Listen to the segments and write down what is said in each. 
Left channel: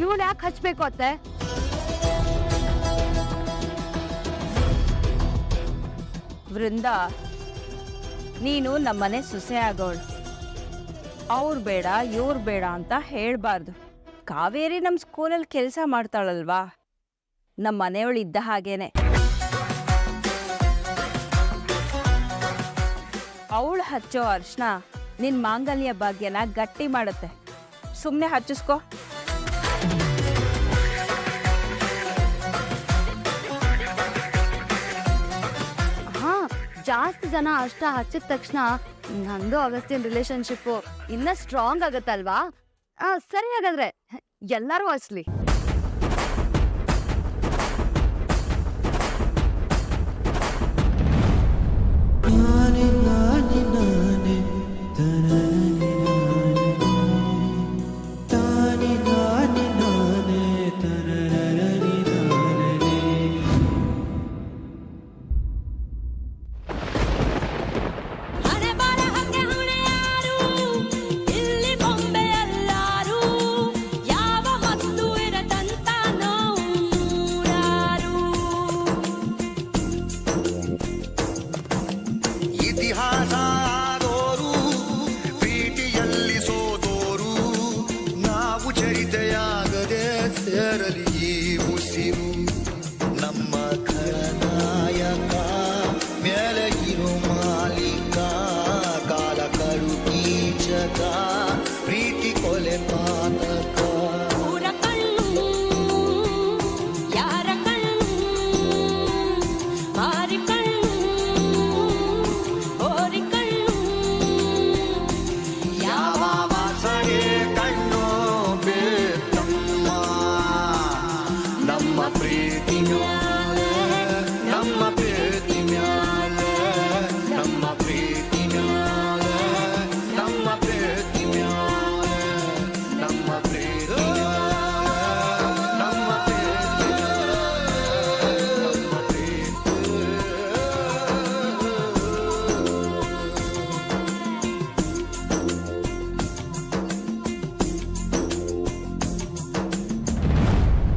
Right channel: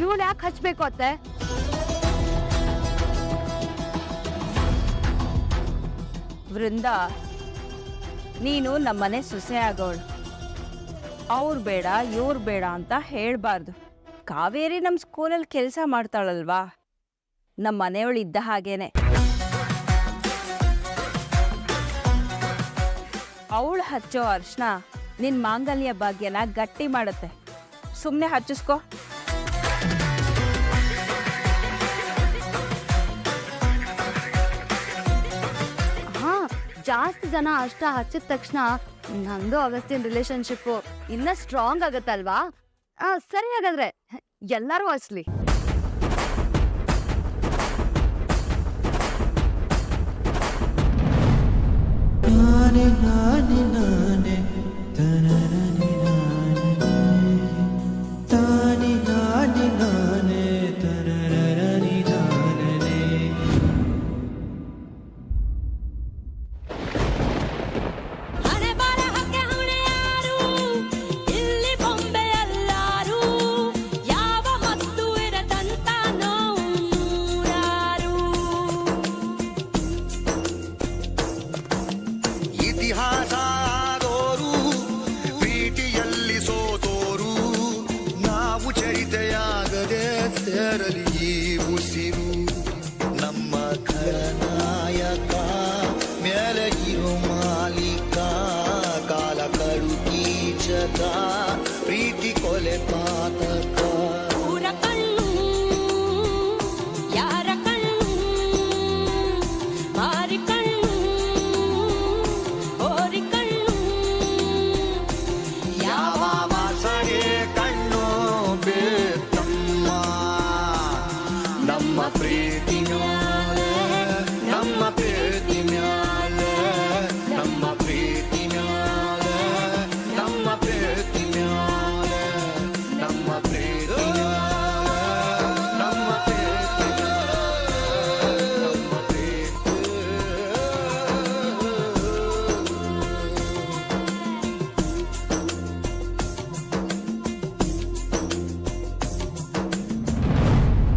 ಇವಳು ಯಾಕೆ ಹಚ್ಬೇಕು ಅತ್ತೆ? ವೃಂದ, ನೀನು ನಮ್ಮನೆ ಸೊಸೆ ಆಗೋಳು. ಅವ್ರು ಬೇಡ ಇವ್ರು ಬೇಡ ಅಂತ ಹೇಳ್ಬಾರ್ದು. ಕಾವೇರಿ ನಮ್ಮ ಸ್ಕೂಲಲ್ಲಿ ಕೆಲಸ ಮಾಡ್ತಾಳಲ್ವಾ, ನಮ್ಮ ಮನೆಯವಳು ಇದ್ದ ಹಾಗೇನೆ. ಅವಳು ಹಚ್ಚೋ ಅರ್ಶನ ನಿನ್ ಮಾಂಗಲ್ಯ ಭಾಗ್ಯನ ಗಟ್ಟಿ ಮಾಡುತ್ತೆ. ಸುಮ್ಮನೆ ಹಚ್ಚಿಸ್ಕೋ. ಹಾ, ಜಾಸ್ತಿ ಜನ ಅಷ್ಟ ಹಚ್ಚಿದ ತಕ್ಷಣ ನಂದು ಅಗಸ್ತ್ಯನ್ ರಿಲೇಶನ್ಶಿಪ್ ಇನ್ನ ಸ್ಟ್ರಾಂಗ್ ಆಗತ್ತಲ್ವಾ? ಸರಿ, ಹಾಗಾದ್ರೆ ಎಲ್ಲರೂ ಹಚ್ಲಿ. ನಾನೇ ನಾನೇ ನಾನೇ ತನನನಿ ನಾನೇ ತಾನೇ ನಾನೇ ನಾನೇ ತನನನಿ ನಾನೇ. ಇತಿಹಾಸದೋರು ಪ್ರೀತಿಯಲ್ಲಿ ಸೋತೋರು ನಾವು ಚರಿತೆಯಾಗದೆ ಸೇರಲಿ ಈ ಉಸಿರು. ನಮ್ಮ ಖಳನಾಯಕ ಮೇಲೆ ಇರೋ ಮಾಲೀಕ ಕಾಲ ಕಡು ಕೀಚಕ ಪ್ರೀತಿ ಕೊಲೆ ಪಾತಕ.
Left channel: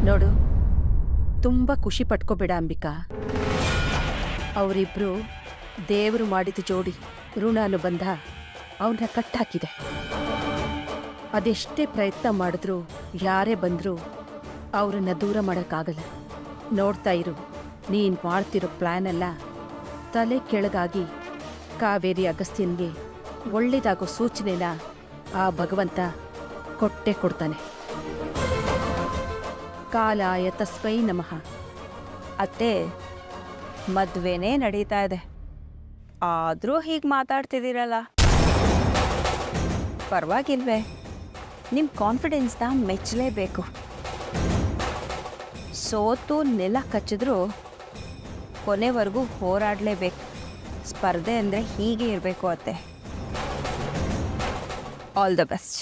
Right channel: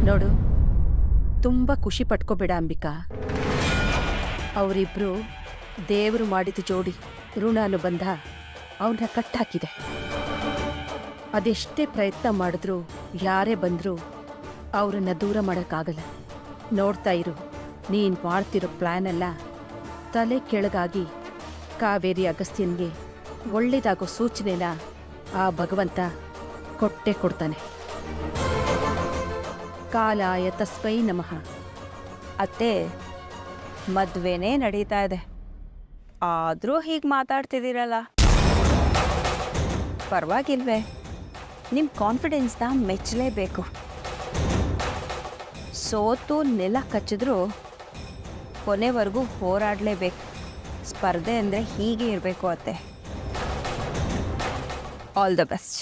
ನೋಡು, ತುಂಬ ಖುಷಿ ಪಟ್ಕೋಬೇಡ ಅಂಬಿಕಾ. ಅವರಿಬ್ರು ದೇವರು ಮಾಡಿದ ಜೋಡಿ. ಋಣಾನುಬಂಧ ಅವನ್ನ ಕಟ್ಟಾಕಿದೆ. ಅದೆಷ್ಟೇ ಪ್ರಯತ್ನ ಮಾಡಿದ್ರು, ಯಾರೇ ಬಂದರೂ ಅವರನ್ನು ದೂರ ಮಾಡೋಕ್ಕಾಗಲ್ಲ. ನೋಡ್ತಾ ಇರು, ನೀನು ಮಾಡ್ತಿರೋ ಪ್ಲ್ಯಾನ್ ಎಲ್ಲ ತಲೆ ಕೆಳಗಾಗಿ ಕಾವೇರಿ ಅಗಸ್ತ್ಯನ್ಗೆ ಒಳ್ಳೇದಾಗೋ ಸೂಚನೆನ ಆ ಭಗವಂತ ಕೊಟ್ಟೇ ಕೊಡ್ತಾನೆ. ಕಾಲಾಯ ತಸ್ಮೈ ನಮಃ. ಅತ್ತೆ, ಮದ್ವೆನೇ ನಡೀತಾ ಇದೆ, ಆದರೂ ಹೀಗೆ ಮಾತಾಡ್ತಿದ್ದೀರಲ್ಲ, ಪರವಾಗಿಲ್ವೇ? ನಿಮ್ಮ ಕಾನ್ಫಿಡೆನ್ಸ್ನ ಮೆಚ್ಚಲೇಬೇಕು. ಸೋತು ನೆಲ ಕಚ್ಚಿದ್ರೂ ಕೊನೆವರೆಗೂ ಹೋರಾಡಲೇಬೇಕು. ಸ್ಪರ್ಧೆ ಅಂದರೆ ಹೀಗೆ ಇರಬೇಕು ಅತ್ತೆ. All the best.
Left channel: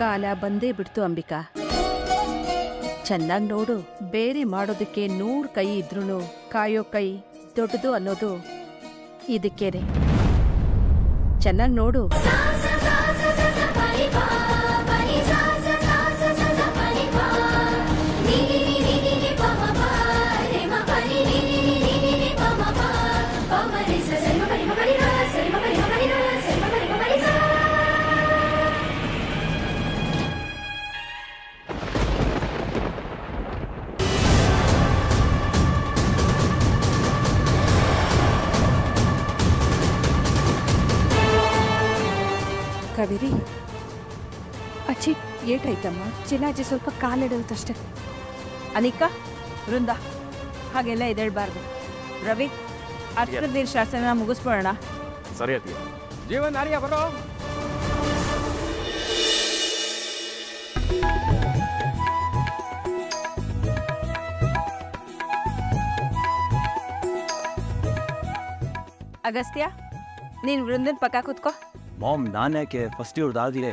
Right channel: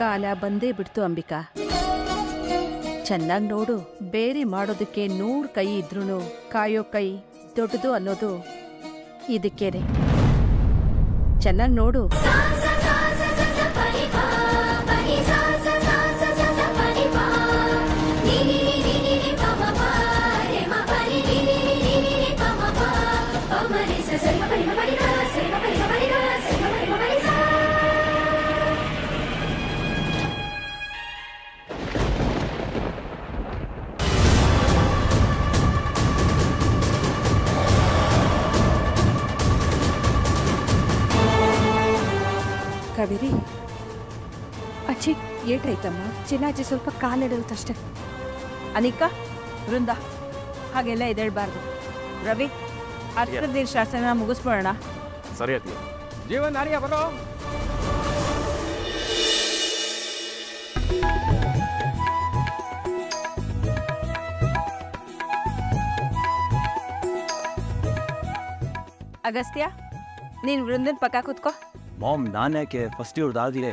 ಕಾಲ ಬಂದೇ ಬಿಡ್ತು ಅಂಬಿಕಾ. ಚೆನ್ನಾಗಿ ನೋಡು, ಬೇರೆ ಮಾಡೋದಕ್ಕೆ 100 ಕೈ ಇದ್ರೂ ಕಾಯೋ ಕೈ ದೊಡ್ಡದು ಅನ್ನೋದು ಇದಕ್ಕೇನೆ. ಚೆನ್ನಾಗಿ ನೋಡು. ಕಾವೇರಿ ಅಚ್ಚಿ ಏಟಾಯ್ತಮ್ಮ? ಚಿನ್ನಾಜಿ ಸ್ವಲ್ಪ ಕಾಲಿಡಲ್ತಷ್ಟೆ. ಅನಿಕಾ, ವೃಂದ, ಹಾಗೆಲ್ಲ ಎದ್ದೇಳಬಾರ್ದು. ರವಿ, ಅರ್ಶದ ಶಾಸ್ತ್ರನ ಮುಗಿಸ್ಬೋಣ. ಸರಿ ಅತಿಯ. ಜೀವನ್ ನಾರಿಯ ಬರೋ. ಅಗಸ್ತ್ಯ, ನೀನ್ ವೃಂದನ್ ಪಕ್ಕ ಕೂತ್ಕೋ. ಮಾಮ್, ನಾನ್ಯಾಕೆ ಫಸ್ಟ್ ಇವ್ರದಾಗ್ಲೇ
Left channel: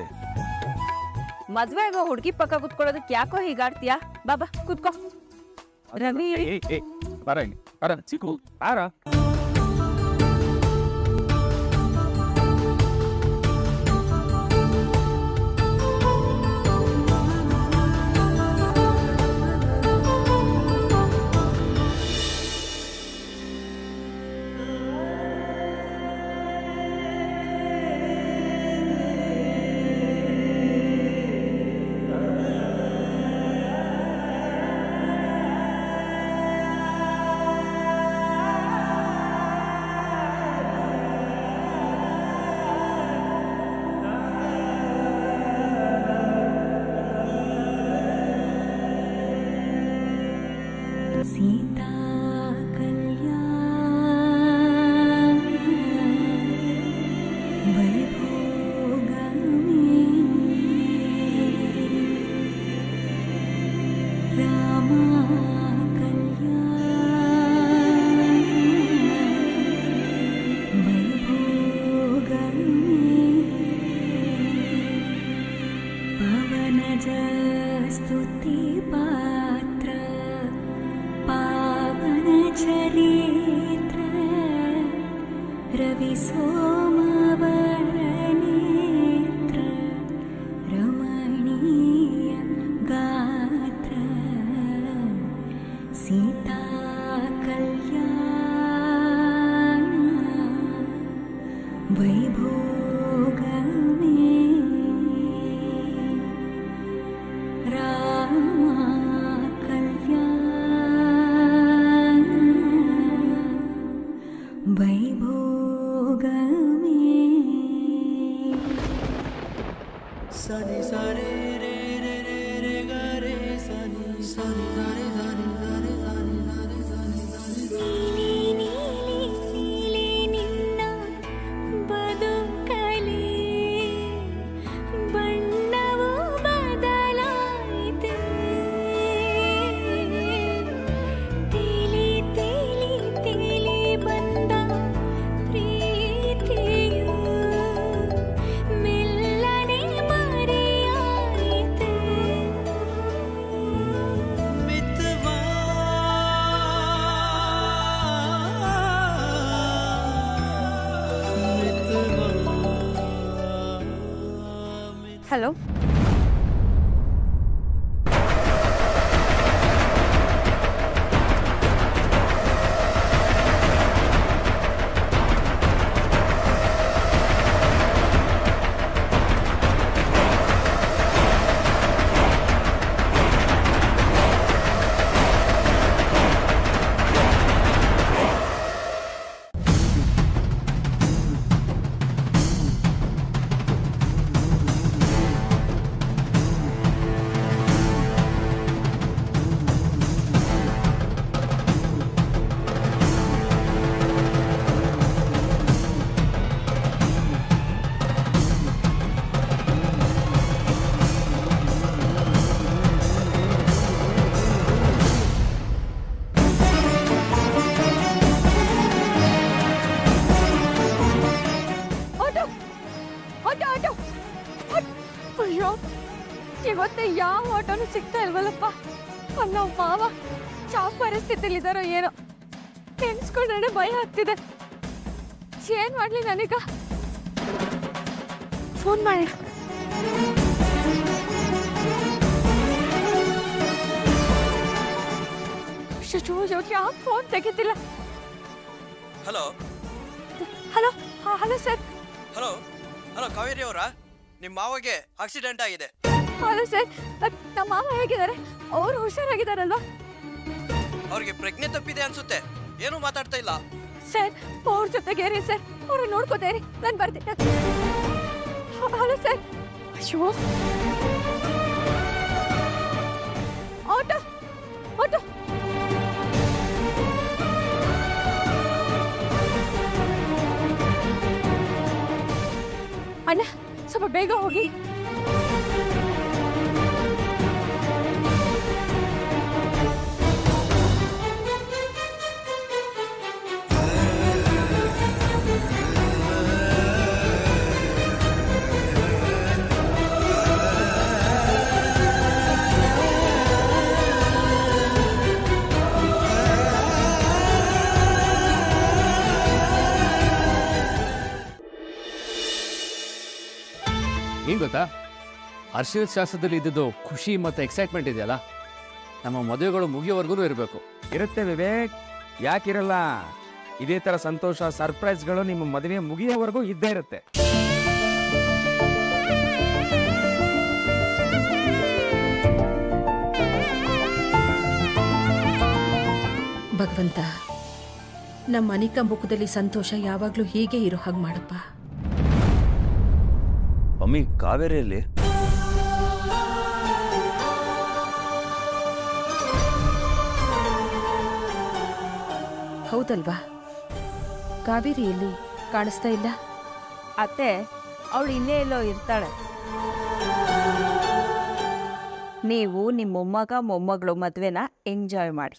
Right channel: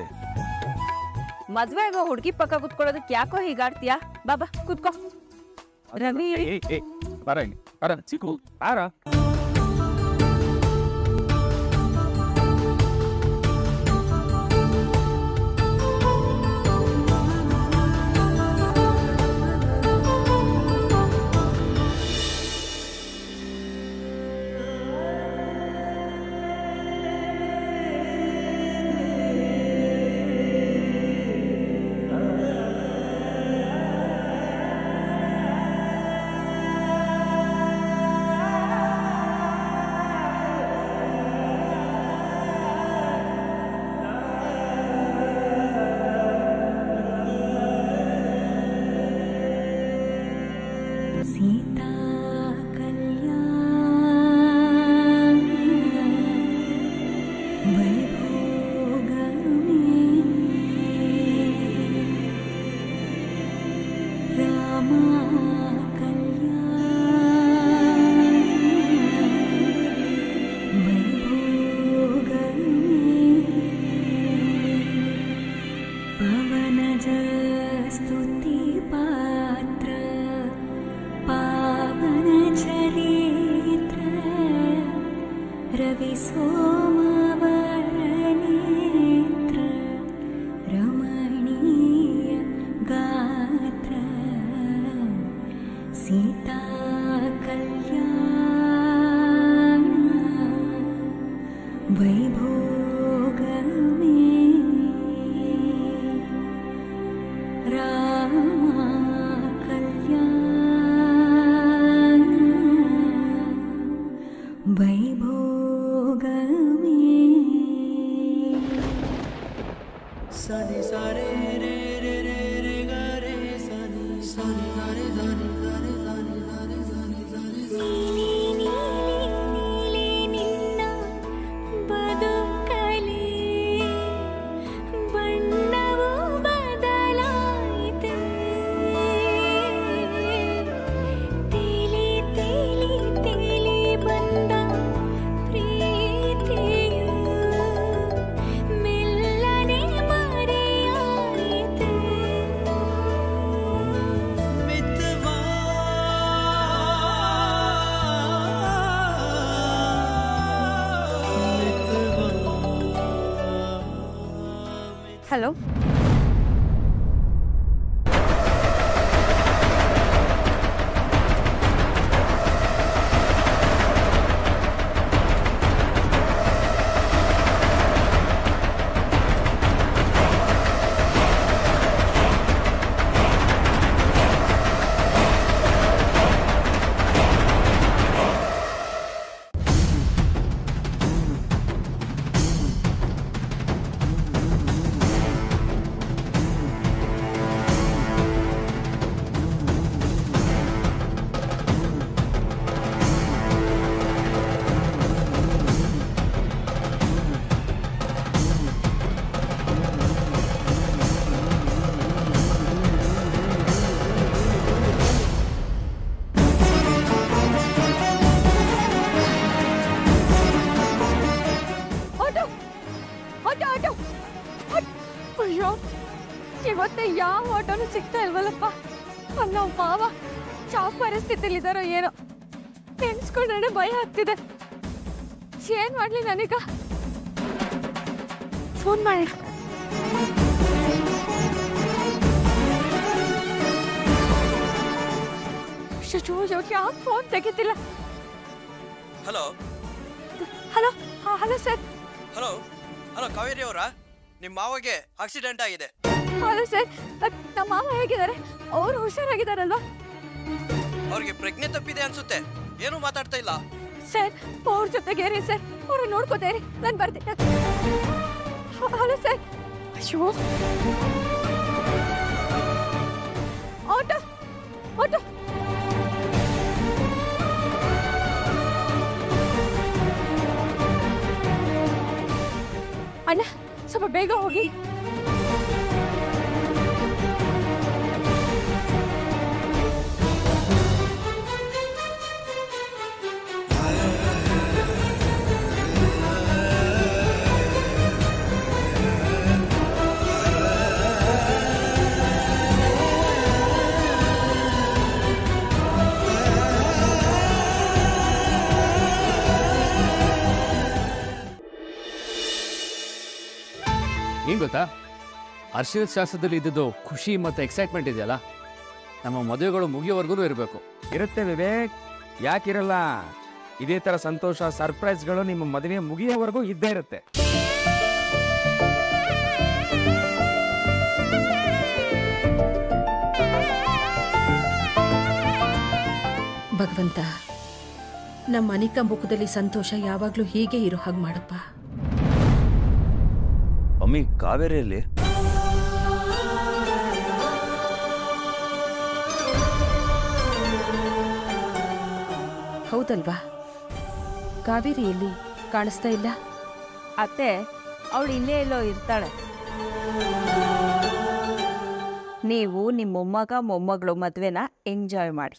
ಮದ್ವೆ ಆಗೋ ಹುಡುಗಿ ಪಕ್ಕ ಕೂತ್ಕೊಳ್ಳೋದಕ್ಕೆ ಯಾಕೋ ಹೀಗಾಡ್ತೀಯಾ? ಬಾಬಾ ಕೂತ್ಕೋ. ರವಿ, ಬರ ಇಲ್ಲಿ, ಬರ ಚಿಕ್ಕು ಬಾರ. सीता कल्याण वैभोगमे रामा कल्याण वैभोगमे पवनज स्तुति पात्र पावन चरित्र रवि सोमवर नेत्र रमणीय गात्र सीता कल्याण वैभोगमे रामा कल्याण वैभोगमे सनि सारे रे रे रे रे ग रे सनि सनि सारे सनि सारे सनि सारे सनि सारे ನೀಲಿ ನೀಲಿ ನೀಲಿ ನಿನ್ನ ಬದುಕಲಿ ಬಣ್ಣವು ಬದಲಾಯಿತೆ ತೇಲಿ ತೇಲಿ ತೇಲಿ ಬಂದ ಪ್ರೀತಿಯು ಮೆಲ್ಲನೆ ಮರೆಯಾಯಿತೆ मितवा ಹಲೋ. ಅಯ್ಯೋ, ಇವತ್ತೆ ಯಾವ ಆಟೋನು ಸಿಗ್ತಾ ಇಲ್ವಲ್ಲಪ್ಪ. ನಾವು ಮಾವ ಯಾವ ಪರಿಸ್ಥಿತಿಲಿದ್ದಾರೋ ಏನೋ, ನೆನ್ಸ್ಕೊಂಡ್ರೆ ಭಯ ಆಗ್ತಿದೆ. ಏನ್ ಮಾಡ್ಲಿ ನನಗ? ಫೋನ್ ಮಾಡಿ. ಯಾಕೆ ಫೋನ್ ತೆಗಿತಿಲ್ಲ? Hello hello hello sir. Hello hello Kaveri ಅವರಾ? ನಿಮ್ಮ ಮಾವಗೆ ಆಕ್ಸಿಡೆಂಟ್ ಆಗಿದೆ. ಹಲೋ ಸರ್, ನಮ್ಮ ಮಾವ ಹೇಗಿದ್ದಾರೆ? ಅವರು ಹುಷಾರಾಗಿದ್ದಾರಲ್ವಾ? ಅವ್ರಿಗೆ ಪ್ರಜ್ಞೆ ತಪ್ಪಿದೆ ಅನ್ಸುತ್ತೆ, ಏನೂ ಮಾತಾಡ್ತಾ ಇಲ್ಲ. ಸರ್ ಅವ್ರ ಜೊತೆಗೇರಿ ಸರ್, ಅವ್ರು ನೋಡ್ಕೋತೇರಿ, ನಾನು ಬರ್ತೀನಿ. Hello sir. ಅಯ್ಯೋ ಆಟೋ ಆಟೋ. ಅಣ್ಣ ಸ್ವಲ್ಪ ಬೇಗ ಹೋಗಿ. ಏನ್ ಗೊತ್ತಾ, ಅರ್ಶಿದ ಶಾಸ್ತ್ರದಲ್ಲಿ ಇದ್ದಿದ್ದು ಖುಷಿ ಮತ್ತೆ ಎಕ್ಸೈಟ್ಮೆಂಟ್ ಇದೆಯಲ್ಲ, ನಮ್ಮ ಮದುವೆಗಳು ಮುಗಿಯೋವರೆಗೂ ಇರಬೇಕು. ಇರುತ್ತೆ ವಿವೇಕ್, ಯಾಕಿರಲ್ಲ? ಇದೇ ತರ ಸಂತೋಷ ಸರ್ಪ್ರೈಸ್ಗಳು ನಿಮ್ಮ ಮದುವೆ ಮುಗಿಯೋವರೆಗೂ ಇದ್ದೇ ಇರುತ್ತೆ. ಭಗವಂತ, ನಮ್ಮ ಅನಿಕಾ ಮುಖದಲ್ಲಿ ಸಂತೋಷ ಯಾವಾಗ್ಲೂ ಹೀಗೆ ಇರೋ ಹಾಗೆ ಮಾಡಪ್ಪ. ಮಮ್ಮಿ, ಕಾವೇರಿಯಲ್ಲಿ ಹೌದಲ್ವಾ? ಕಾವೇರಿಯಲ್ಲಿ ಕಾಣಿಸ್ತಾ ಇಲ್ಲ. ಅತ್ತೆ, ಅವಳು ಇಲ್ಲೇ ಎಲ್ಲೋ ಇರ್ತಾಳೆ. ನೀವು ನಿಮ್ಮ ಮೊಮ್ಮಗ ಮೊಮ್ಮಗಳು ಮದ್ವೆನ ಎಂಜಾಯ್ ಮಾಡಿ.